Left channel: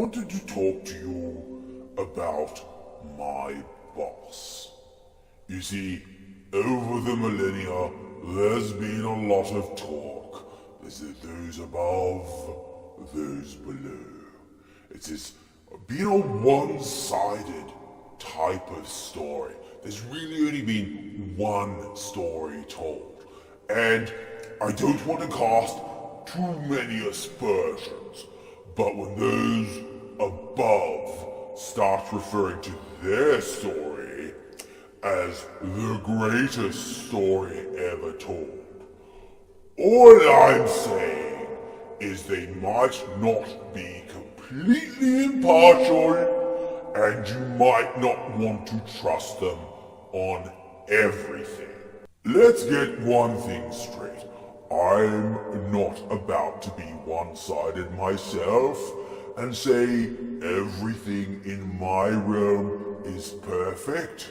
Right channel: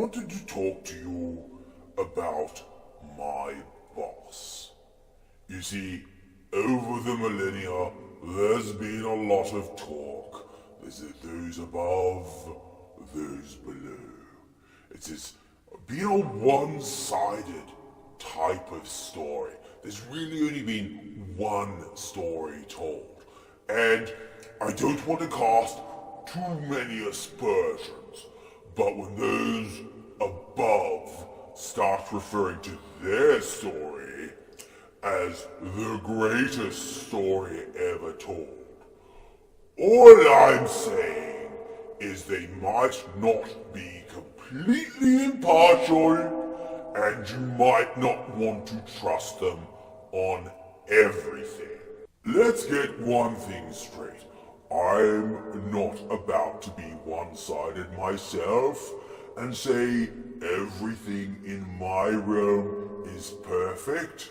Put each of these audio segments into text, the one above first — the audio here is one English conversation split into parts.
wanted to talk to you about my boss. You see, over the millennia, there's been a lot of talk. There's those above, those below. It's been a one-sided type of story. There's really only been one story told. And I don't want to cast too many aspersions, but when those above start referring to their story as the greatest story ever told, all I'm saying is they might not be completely impartial, and you might not want to trust them on everything. Let's get one thing straight. I'm not about to be one-sided myself and say everything in my realm is perfect.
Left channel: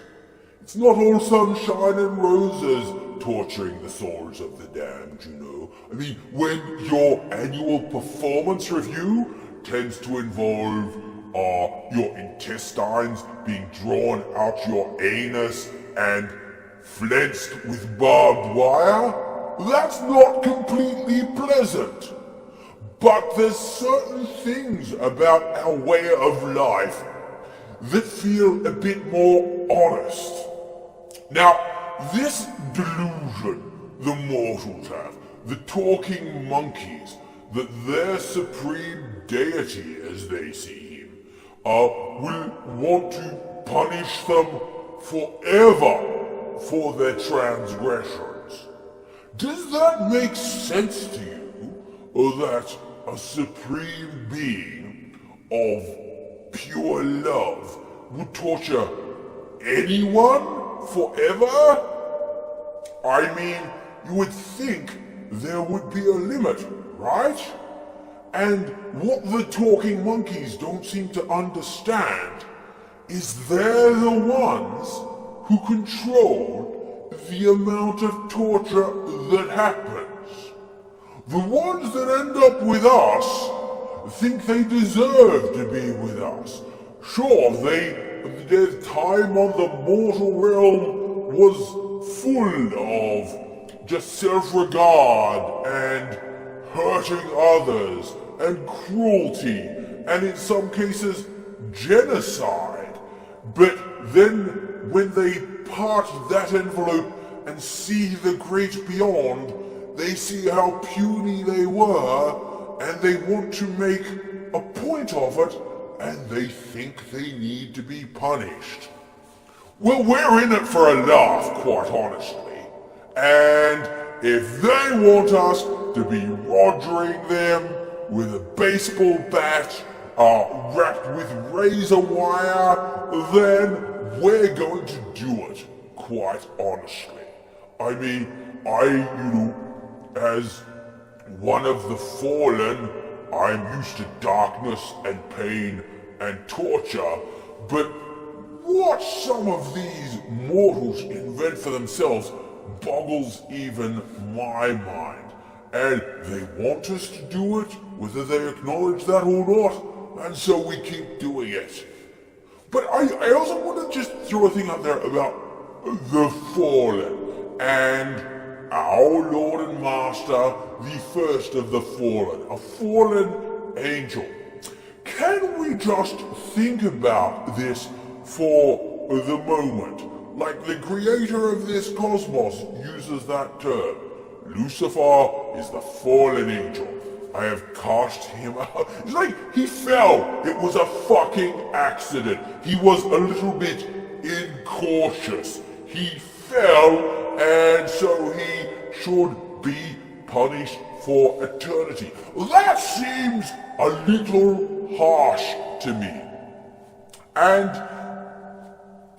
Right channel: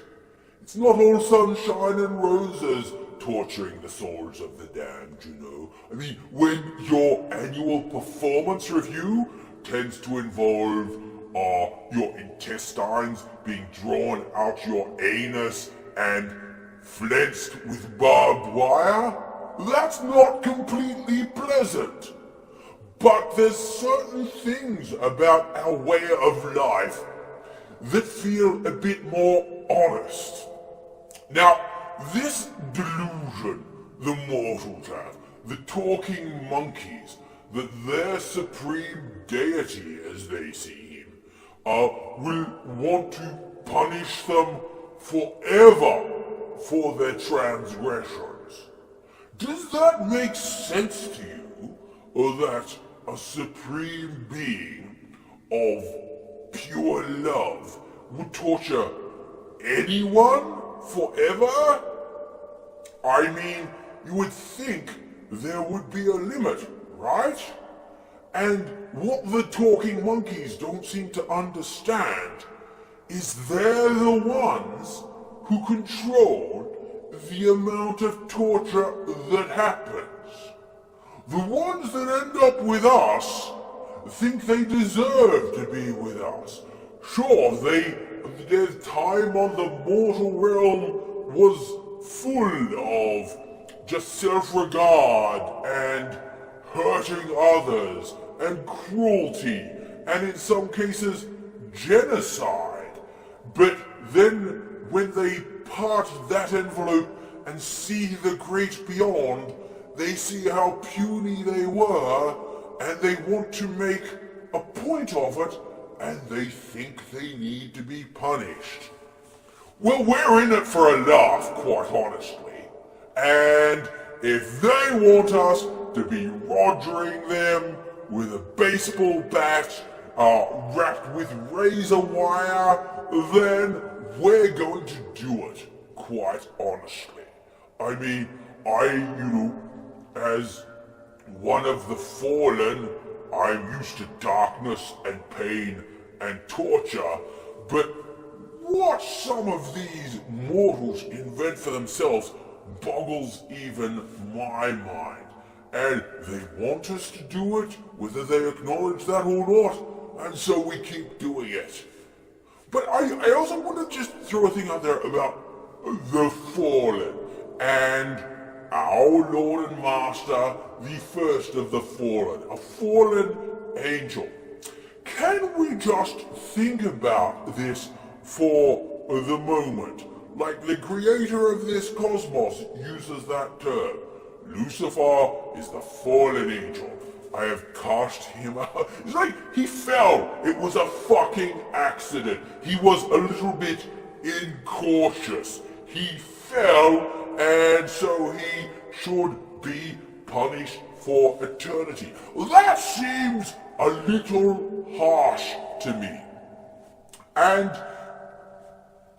It's not all sunshine and roses torturing the souls of the damned, you know. I mean, when your annual performance review tends to involve your intestines being drawn out your anus and flensed with barbed wire, that's not completely pleasant. But there's certain things about our way of life that feel a bit more honest. Now, this delusion the mortals have, the talking monkeys, that their supreme deity, as they see him, will want to punish them forever for their transgressions. Does that make sense to you, or that a supreme being of pure love would torture anyone forever? I mean, you would think there would be a limit, right? And what the talking monkeys don't seem to understand is they're the ones who control the amount of torture that happens. The ones that end up with us think they deserve to be with us. Sure, their time on the mortal realm was full of just self-regard and hurting others and cruelty and in some cases genocide. But then when they part that envelope and see the great beyond, they see how puny they were and they want to make a point of it and they think they need to be punished. Well, we're in it for a laugh, quite honestly. And if they want us to be rogering them with a baseball bat wrapped with razor wire, then we're going to do it, quite honestly. I mean, as one of the fallen, I'm used to darkness and pain and torture, but what some of these mortals invent for themselves boggles even my mind. And they want us to do it, whether they acknowledge that or not, and so we keep doing it. But I also want to just throw a thing out there about the fallen, and our Lord and Master, the first of the fallen, a fallen angel. Can we just think about this for the moment? Like the creator of this cosmos uses that term. Lucifer is the fallen angel. I have cast him out. It's like he fell. It was a fucking accident. He was a little bit incautious. He fell, and so he should be punished for eternity. That seems a little harsh to me. And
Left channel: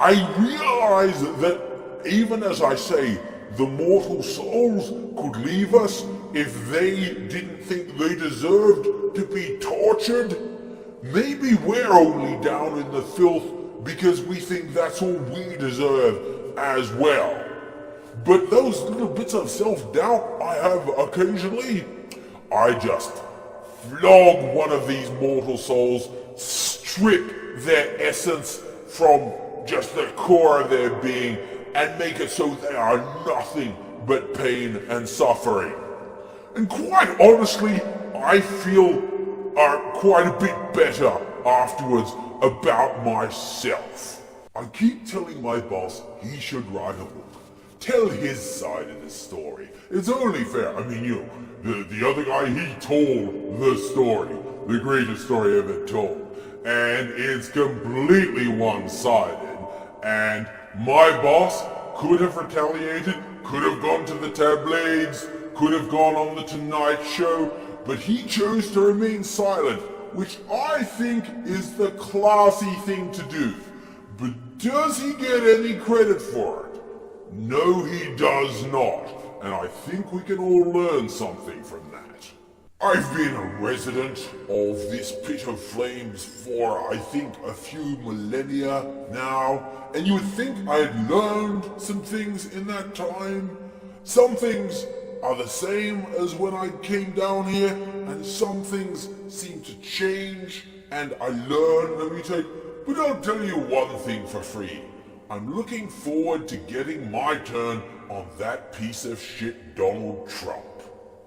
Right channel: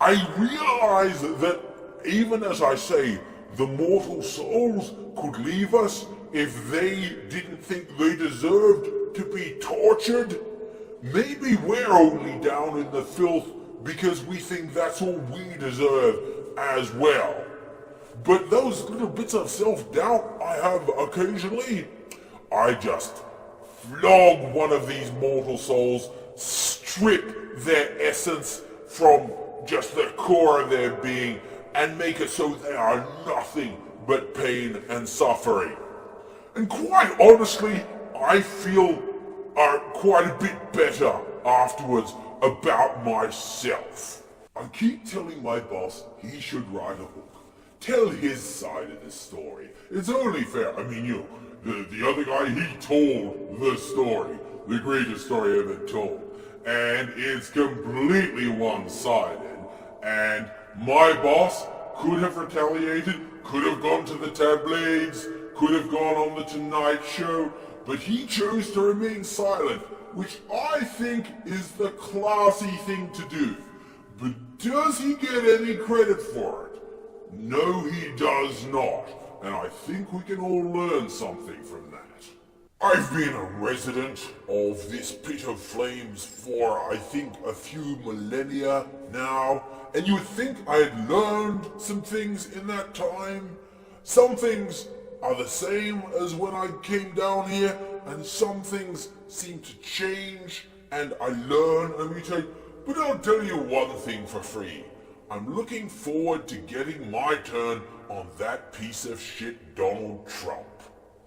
I realize that even as I say, the mortal souls could leave us if they didn't think they deserved to be tortured. Maybe we're only down in the filth because we think that's all we deserve as well. But those little bits of self-doubt I have occasionally, I just flog one of these mortal souls strip their essence from just the core of their being and make it so they are nothing but pain and suffering. And quite honestly, I feel quite a bit better afterwards about myself. I keep telling my boss he should write a book, tell his side of the story. It's only fair. I mean, the other guy, he told the story, the greatest story ever told, and it's completely one-sided. And my boss could have retaliated, could have gone to the tabloids, could have gone on the Tonight Show, but he chose to remain silent, which I think is the classy thing to do. But does he get any credit for it? No, he does not, and I think we can all learn something from that. I've been a resident of this pit of flames for, I think, a few millennia now, and you would think I had learned some things in that time. Some things are the same as when I came down here, and some things seem to change, and I learn and mutate. But I'll tell you one thing for free. I'm looking forward to getting my turn on that piece of shit Donald Trump.